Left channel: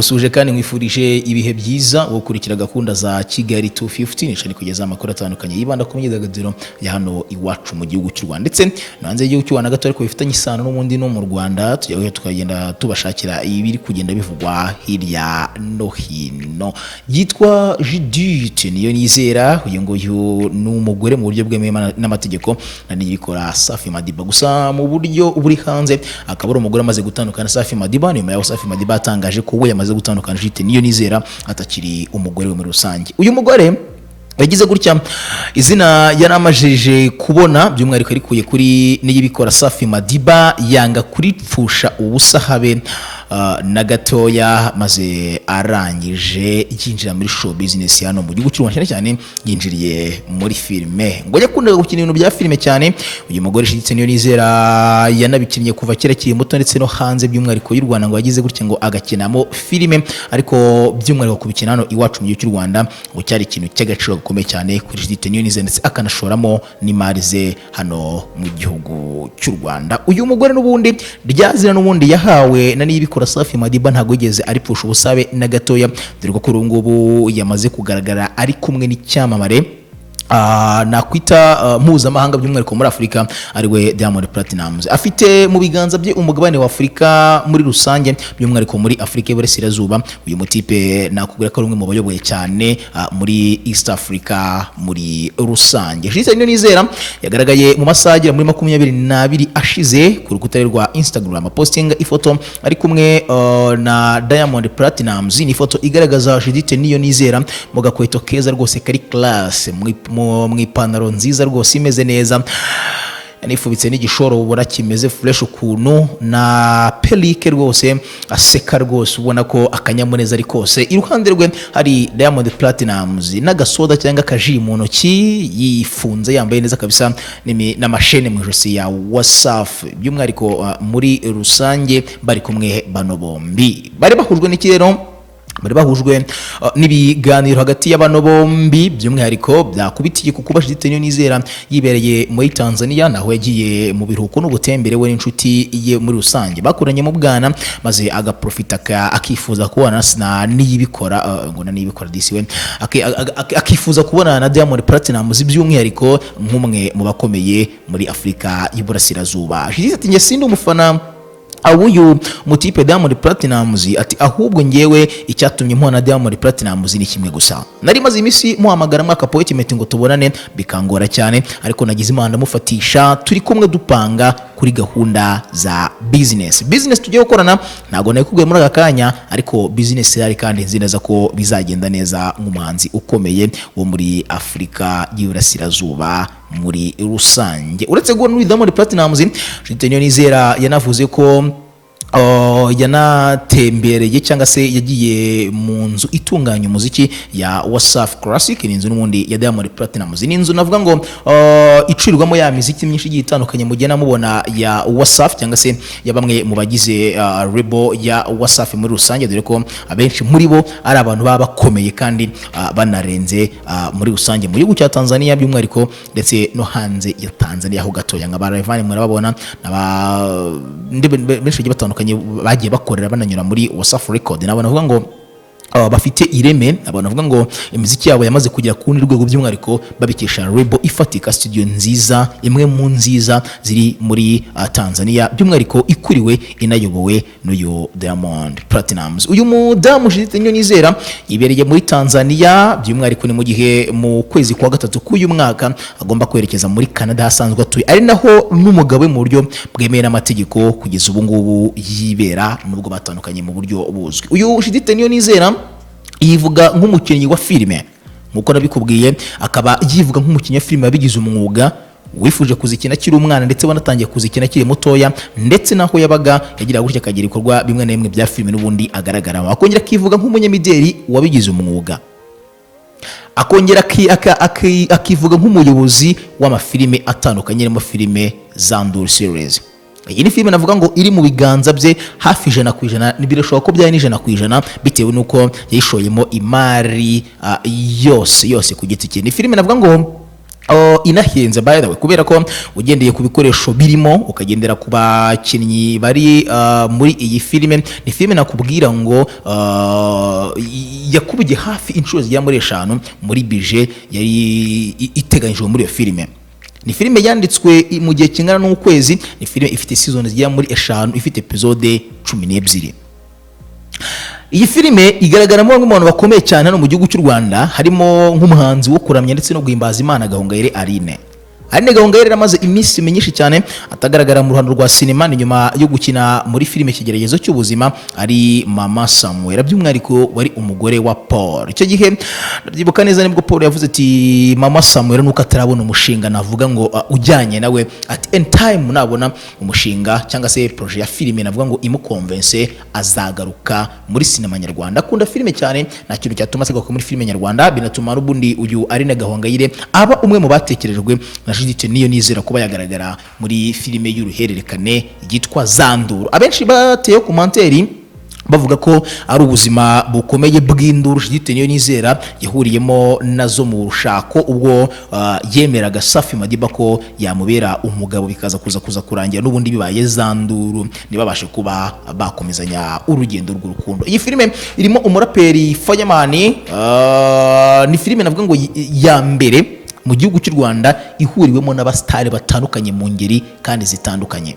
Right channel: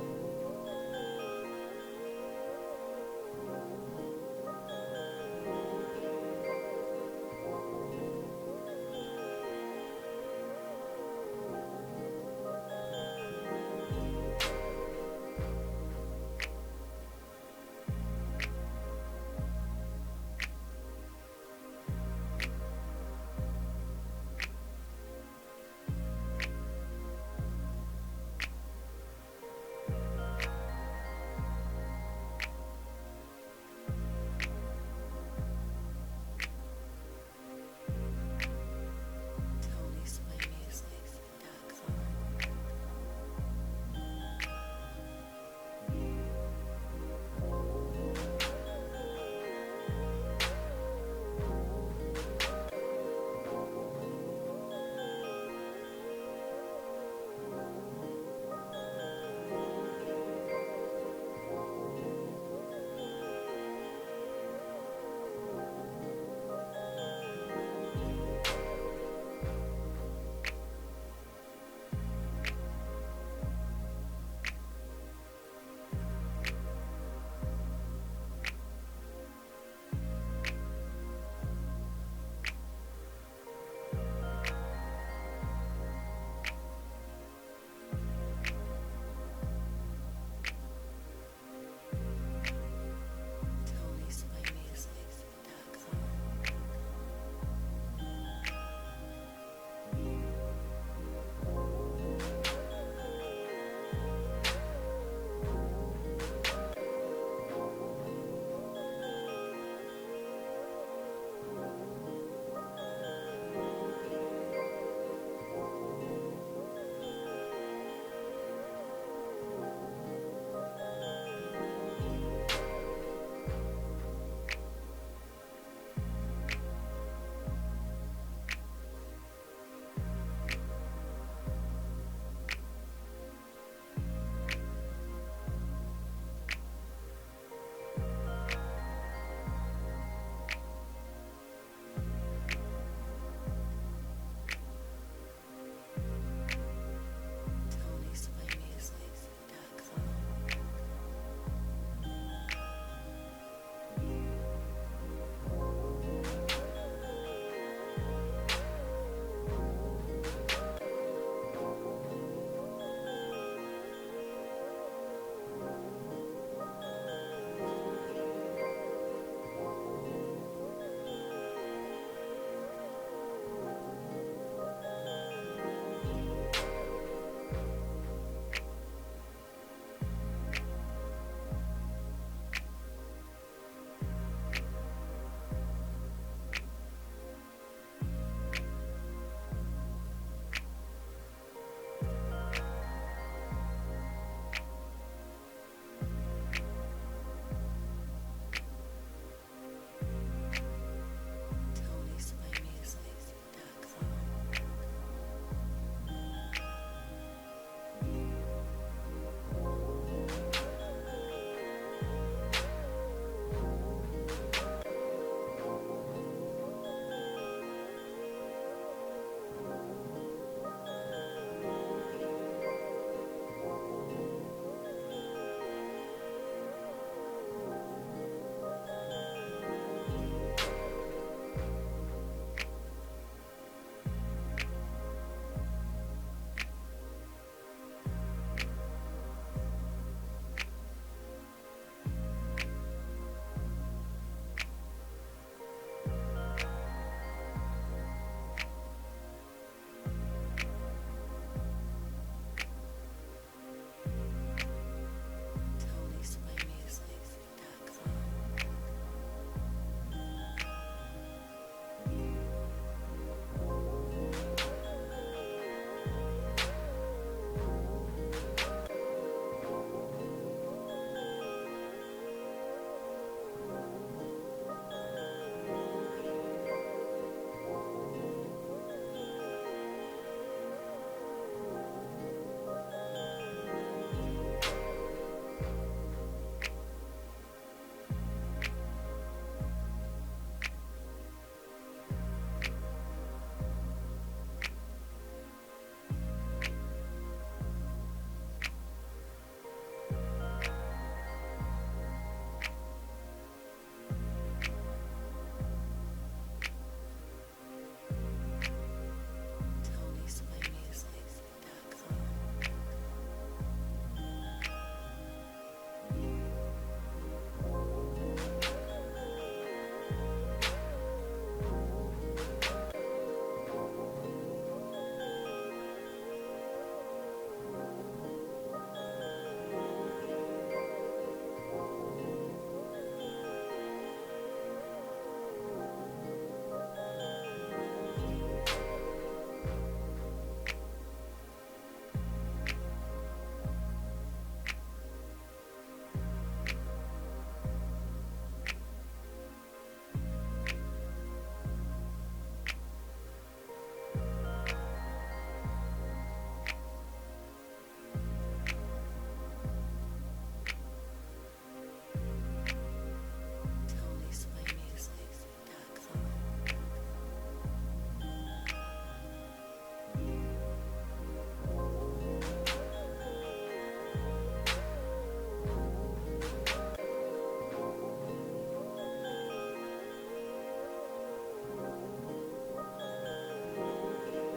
musuje kandi mwifurije ibihe byiza gukurikira gahunda za Kigali 250 nishani kugeza amakuru atandukanye yibanda ku myidagaduro ya hano iwacu mu gihugu cy'u Rwanda ndetse nanze igihugu cy'u Rwanda gato ariko bifitanye isano n'ubundi no mu Rwanda tujyaho tukagenda tubashakira ibiri kugenda bivugwa hirya no hino. Yitwa Judith niyo nizera uyu nguyu n'umugore mu buryo bwemewe n'amategeko nani yikora Safi Madiba gusa mu buryo buri hanze akaba ari umugore amaze gutandukana Safi Madiba nyuma ya Safi Madiba atangaje ko we yamaze gutandukana Judith niyo nizera atakiri umugore we muri rusange. Uyu mugore yagize gutya izina yaramajije kubona by'umwihariko arikuye kuri niyibikora Safi Madiba yanga kuripfusha ubusa habe na gatoya maze arangije yinjira muri show business hano mu gihugu cy'u Rwanda cyane yinjiriye muri filme ngo yakundaga gukina ibintu bya filme cyane. Uyu mugore Judith niyo nizera yanabikinnye kuva kera kiri muto ndetse no hanze by'umwihariko y'u Rwanda ngo yagize gutya ngo agakinamo filme ariko by'umwihariko kubikina hano iwacu mu gihugu cy'u Rwanda ngo cyari ikintu cy'agaciro gakomeye cyane kuri Judith niyo nizera ndetse akanashoramo n'imari ze hano mu gihugu cy'u Rwanda. Uyu mugore n'ubundi ryazira n'ubundi yahawe na niyibikora Safi Madiba ntago yigeze aripfusha ubusabe na gatoya dore ko kuri ubu ngubu yamaze kugaragara ari kumwe n'icyamamare nakwita mpuzamahanga by'umwihariko muri Afurika ariwe Diamond Platnumz. Afite mu biganza bye umugabane wa Afurika muri rusange by'umwihariko muri Afurika y'Iburasirazuba. Uyu mutipe nakubwira ko ari umwe mu bayoboye cyane muri East Africa muri rusange. Judith niyo nizera yagaragaye mu masaha muri 22 ashize ku rukuta rwa Instagram posting ifoto ari kumwe na Diamond Platnumz. Ni ifoto igaragaza Judith niyo nizera mu gakweto keza rwose kari class mu ipantaro nziza rwose imeze neza yanifubitse n'igishoro ubona kimeze fresh ukuntu na pelike rwose aseka rwose ubona ko akanyamuneza ari kose. Iruhande rwe hari Diamond Platnumz n'agasoda cyangwa akaji mu ntoki yifunze yambaye neza kabisa n'amashene mu ijosi ya Wasafi by'umwihariko muri rusange bari kumwe bano bombi bari bahujwe n'ikirero bari bahujwe n'ibiganiro hagati y'abano bombi by'umwihariko byakubitiye kuko Judith niyo nizera yibereye muri Tanzania naho yagiye mu biruhuko n'ubutembere we n'inshuti ye muri rusange bakoranye mu bwana maze agaprofita akifuza kubona na niyibikora ngo na niyibikora disiwe akifuza kubona na Diamond Platnumz by'umwihariko nk'umwe mu bakomeye muri Afurika y'Iburasirazuba. Judith ati nge sindi umufana uyu mutipe Diamond Platnumz ati ahubwo ngewe icyatumye mpona Diamond Platnumz ni kimwe gusa nari maze imisi muhamagara mwaka appointment ngo tubonane bikangora cyane ariko nagize imana mufatisha turi kumwe dupanga kuri gahunda za business tugiye gukorana ntago nakubwiye muri aka kanya ariko business yari kandi nzi neza ko bizagenda neza nk'umuhanzi ukomeye wo muri Afurika y'Iburasirazuba muri rusange. Uretse guhura n'uyu Diamond Platnumz Judith niyo nizera yanavuze ko yanatembereye cyangwa se yagiye mu nzu itunganya umuziki ya Wasafi Classic. Ni inzu n'ubundi ya Diamond Platnumz. Ni inzu navuga ngo icurirwamo ya muziki myinshi igiye itandukanye mugena mubona ya Wasafi cyangwa se ya bamwe mu bagize label ya Wasafi muri rusange dore ko abenshi muri bo ari abantu baba bakomeye kandi banarenze muri rusange mu gihugu cya Tanzania by'umwihariko ndetse no hanze ya Tanzania aho gatoya nka Rayvanny murababona benshi batandukanye bagiye bakorera bananyura muri Wasafi Record nabona avuga ngo bafite ireme abantu bavuga ngo imiziki yabo yamaze kugera ku rundi rwego by'umwihariko babikesha label ifatika studio nziza imwe mu nziza ziri muri Tanzania by'umwihariko ikuriwe inayobowe n'uyu Diamond Platnumz. Uyu mudamu Judith niyo nizera yibereye muri Tanzania by'umwihariko ni mu gihe mu kwezi kwa gatatu k'uyu mwaka agomba kwerekeza muri Canada hasanzwe atuye ari naho n'umugabo mu buryo bwemewe n'amategeko kugeza ubu ngubu yibera nubwo batandukanye mu buryo buzwi. Uyu Judith niyo nizera yivuga nk'umukinnyi wa filime nkuko nabikubwiye akaba yivuga nk'umukinnyi wa filime wabigize umwuga wifuje kuzikina kiri umwana ndetse wanatangiye kuzikina kiri mutoya ndetse naho yabaga yagira gutya akagira ibikorwa bimwe na bimwe bya filime n'ubundi agaragara. Akongera akivuga nk'umunyamideli wabigize umwuga akongera akivuga nk'umuyobozi w'amafilime atandukanye arimo filime za Nduru series. Iyi ni filime navuga ngo iri mu biganza bye hafi 100% nibirashobora ko byari 100% bitewe nuko yishoyemo imari yose ku giti cye. Ni filime navuga ngo inahenze by the way, kubera ko ugendeye ku bikoresho birimo ukagendera ku bakinnyi bari muri iyi filime. Ni filime nakubwira ngo yakubye hafi inshuro zigera muri 5 muri budget yari iteganyijwe muri iyo filime. Ni filime yanditswe mu gihe kingana n'ukwezi. Ni filime ifite season zigera muri 5, ifite episode 12. Iyi filime igaragaramo bamwe mu bantu bakomeye cyane hano mu gihugu cy'u Rwanda, harimo nk'umuhanzi wo kuramya ndetse no guhimbaza Imana Gahongayire Aline. Aline Gahongayire amaze iminsi myinshi cyane atagaragara mu ruhando rwa sinema, ni nyuma yo gukina muri filime Ikigeragezo cy'ubuzima ari Mama Samuel, by'umwihariko wari umugore wa Paul. Icyo gihe ndabyibuka neza nibwo Paul yavuze ati Mama Samuel nuko atarabona umushinga navuga ngo ujyanye nawe, at any time nabona umushinga cyangwa se projet ya filime navuga ngo imukonvense azagaruka muri sinema nyarwanda. Akunda filime cyane, nta kintu cyatuma asigaruka muri filime nyarwanda, binatuma n'ubundi uyu Aline Gahongayire aba umwe mu batekerejwe na Judith Niyonizera kuba yagaragara muri filime y'uruhererekane yitwa Zanduru. Abenshi bateye komanteri bavuga ko ari ubuzima bukomeye bw'induru Judith Niyonizera yahuriyemo nazo mu rushako, ubwo yemeraga Safi Madiba ko yamubera umugabo, bikaza kuza kurangira n'ubundi bibaye Zanduru, ntibabashe kuba bakomezanya urugendo rw'urukundo. Iyi filime irimo umuraperi Fireman, ni filime navuga ngo ya mbere mu gihugu cy'u Rwanda ihuriwemo n'abastari batandukanye mu ngeri kandi zitandukanye.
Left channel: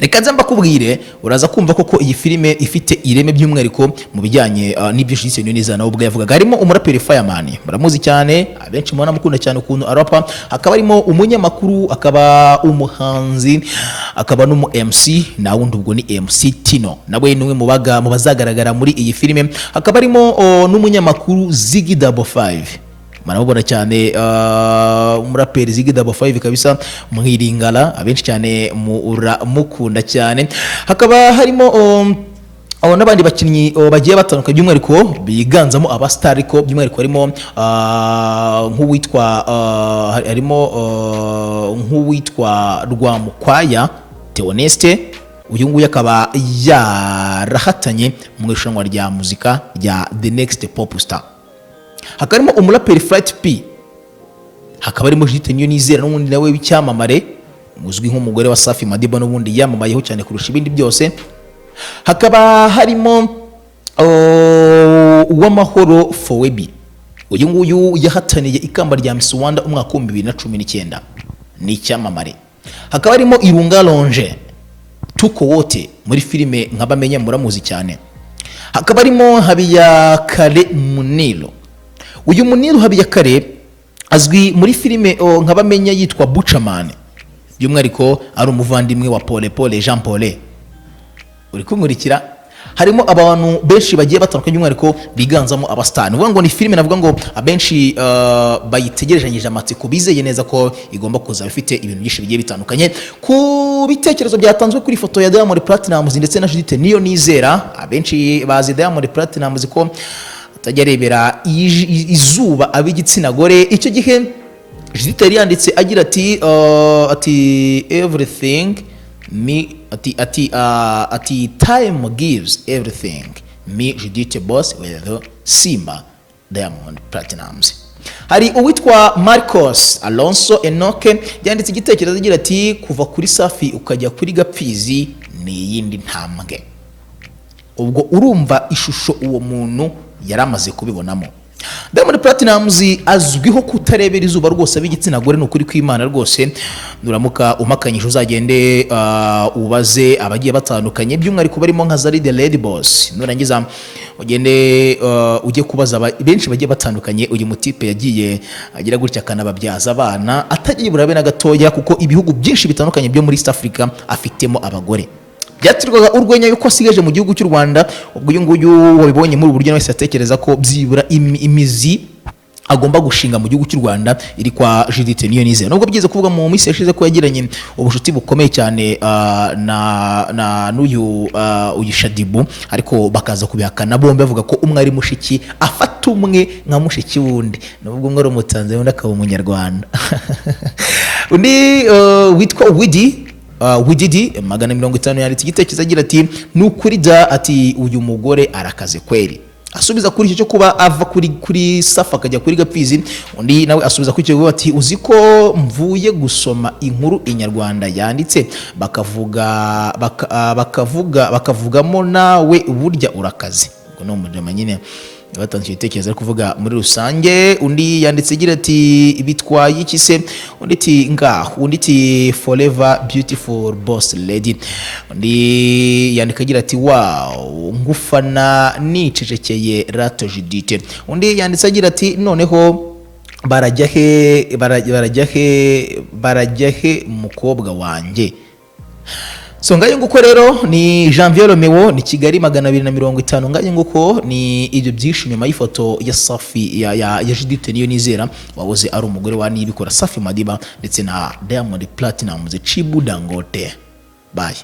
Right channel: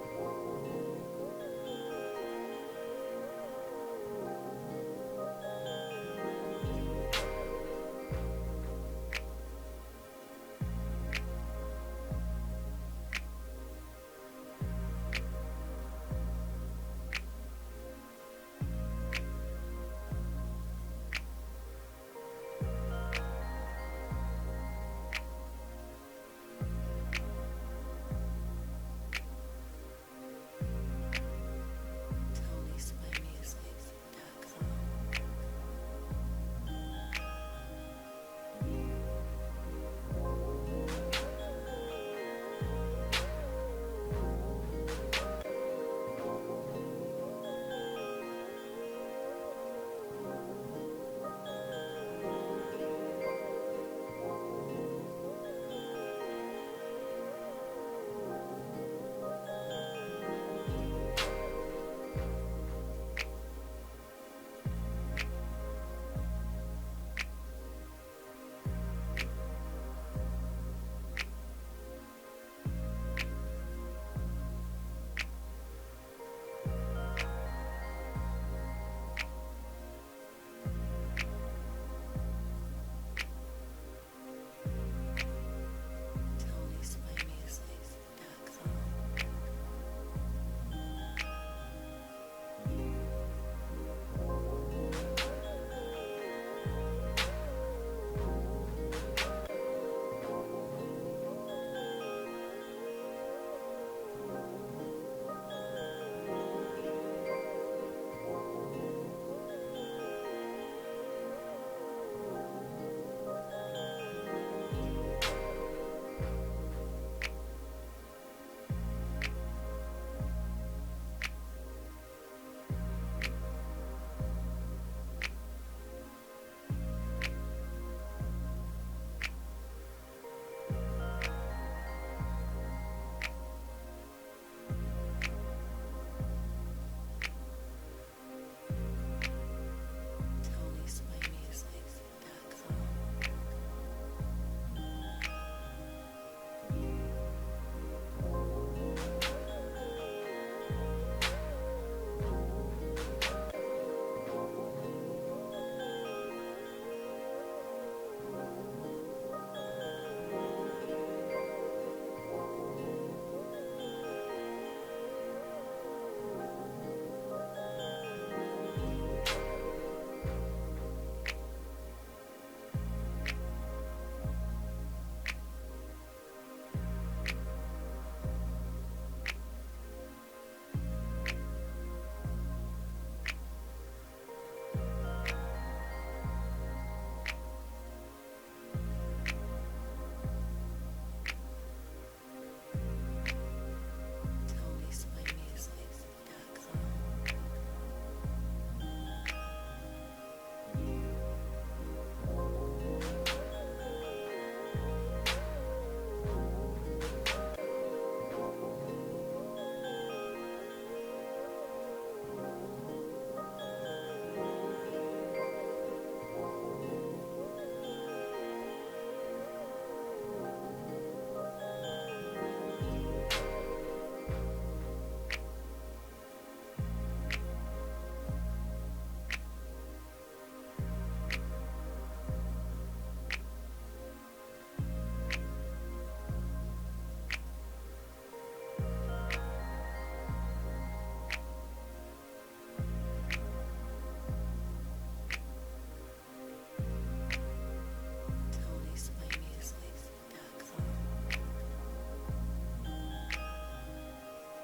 Reka nza mbakubwire, uraza kumva koko iyi filime ifite ireme by'umwihariko mu bijyanye n'ibyo Judith Niyonizera nawe ubwo yavugaga. Harimo umuraperi Fireman, muramuzi cyane, abenshi mubona mukunda cyane ukuntu arapa. Hakaba harimo umunyamakuru, akaba umuhanzi, akaba n'umu MC, na wundi ubwo ni MC Tino, nawe ni umwe mu bazagaragara muri iyi filime. Hakaba harimo n'umunyamakuru Ziggy Double 5, manabona cyane umuraperi Ziggy Double 5 kabisa, mwiringala, abenshi cyane mukunda cyane. Hakaba harimo n'abandi bakinnyi bagiye batandukanye by'umwihariko biganzamo abastar, ariko by'umwihariko harimo nk'uwitwa Rwamukwaya Theoneste. Uyu nguyu akaba yarahatanye mu irushanwa rya muzika rya The Next Pop Star. Hakaba harimo umuraperi Flight P, hakaba harimo Judith Niyonizera n'ubundi nawe w'icyamamare uzwi nk'umugore wa Safi Madiba, n'ubundi yamamayeho cyane kurusha ibindi byose. Hakaba harimo Uwamahoro Fowebi, uyu nguyu yahataniye ikamba rya Miss Rwanda umwaka wa 2019, ni icyamamare. Hakaba harimo Irunga Longe Tuko wote muri filime nk'abamenya muramuzi cyane. Hakaba harimo Habiyakare Muniro. Uyu Muniro Habiyakare azwi muri filime nk'abamenya yitwa Buchaman, by'umwihariko ari umuvandimwe wa Paul Jean Paul. Uri kumurikira, harimo abantu benshi bagiye batandukanye by'umwihariko biganzamo abastani. Uvuga ngo ni filime navuga ngo abenshi bayitegerejanyije amatsiko, bizeye neza ko igomba kuza ifite ibintu byinshi bigiye bitandukanye. Ku bitekerezo byatanzwe kuri foto ya Diamond Platnumz ndetse na Judith Niyonizera, abenshi bazi Diamond Platnumz ko atajya arebera izuba ab'igitsina gore. Icyo gihe Judith yari yanditse agira ati everything me ati time gives everything me Judith boss with Simba Diamond Platnumz. Hari uwitwa Marcos Alonso Enoke yanditse igitekerezo agira ati kuva kuri Safi ukajya kuri Gapfizi ni yindi ntambwe. Ubwo urumva ishusho uwo muntu yaramaze kubibonamo. Diamond Platnumz azwiho kutarebera izuba rwose ab'igitsina gore, n'ukuri kw'Imana rwose. Nuramuka umakanyije uzagende ubaze abagiye batandukanye by'umwihariko barimo nka Zari the Lady Boss, nurangiza ugende ujye kubaza benshi bagiye batandukanye. Uyu mutipe yagiye agira gutya akanababyaza abana atagiye burabe na gatoya, kuko ibihugu byinshi bitandukanye byo muri East Africa afitemo abagore. Byatirwaga urwenya yuko asigaje mu gihugu cy'u Rwanda. Ubwo uyu nguyu wabibonye muri uburyo wese atekereza ko byibura imizi agomba gushinga mu gihugu cy'u Rwanda iri kwa Judith Niyonizera. Nubwo byize kuvuga mu minsi yashize ko yagiranye ubushuti bukomeye cyane na n'uyu Shadibu, ariko bakaza kubihakana bombi bavuga ko umwe ari mushiki afata umwe nka mushiki wundi, nubwo umwe ari umutanzania undi akaba umunyarwanda. Undi witwa Wididi 150 yanditse igitekerezo agira ati nukuri da ati uyu mugore arakaze kweri, asubiza kuri icyo cyo kuba ava kuri Safi akajya kuri Gapfizi. Undi nawe asubiza kuri icyo ati uzi ko mvuye gusoma inkuru Inyarwanda yanditse bakavugamo nawe burya urakaze. Ngo no mujama nyine batangiye ibitekerezo ari kuvuga muri rusange. Undi yanditse agira ati bitwaye iki se? Undi ati ngaho. Undi ati forever beautiful boss lady. Undi yandika agira ati wow ngufana nicecekeye Rato Judith. Undi yanditse agira ati noneho barajya he mukobwa wanjye. So ngaye nguko rero ni Janvier Romeo ni Kigali 250. Ngaye nguko ni ibyo byinshi nyuma y'ifoto ya Safi ya Judith Niyonizera wahoze ari umugore wa Niyibikora Safi Madiba ndetse na Diamond Platinum Chibu Dangote. Bye.